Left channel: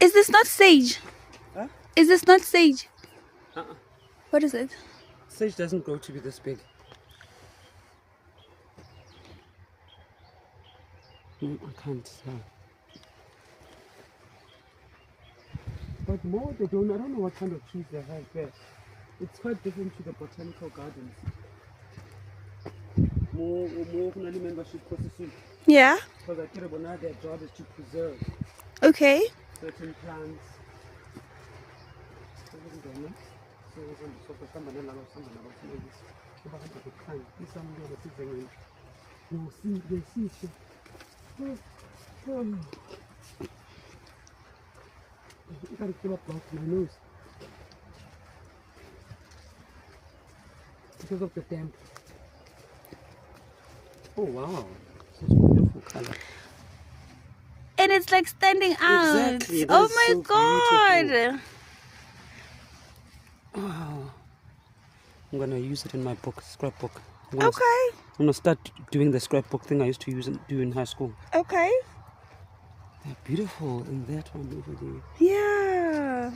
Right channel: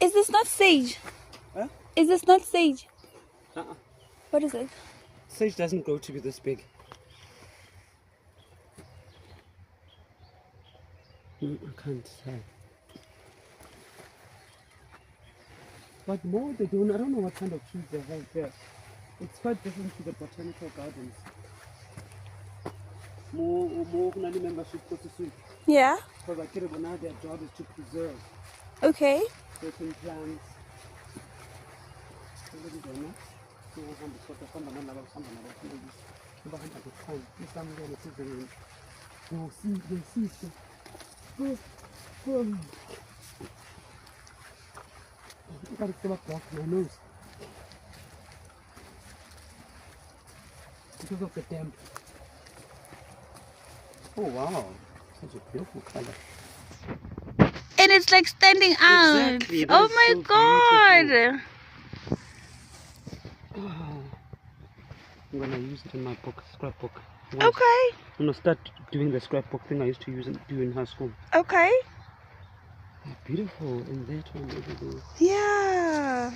Is this not sage? Huh? Is this not sage? Uh-uh. What is it? Sage doesn't grow to be this big. I can't tell. But more they don't. I don't know what kind of trees they have there. It's quite different to the botanical gardens. More kunani membership processes. Yeah. Because I care about now their job is to preserve Okay. certain plants. I gotta come up off my nose because of the damp. Oh wow, such a beautiful color. And it's like standing out. Exactly, that Oh is my so god. Oh, I'm gonna use it in my book, scrapbook. Okay. I'm gonna start doing the scrapbook thing I used to do in high school. Okay. They're beautiful, and that one, everything. Yeah.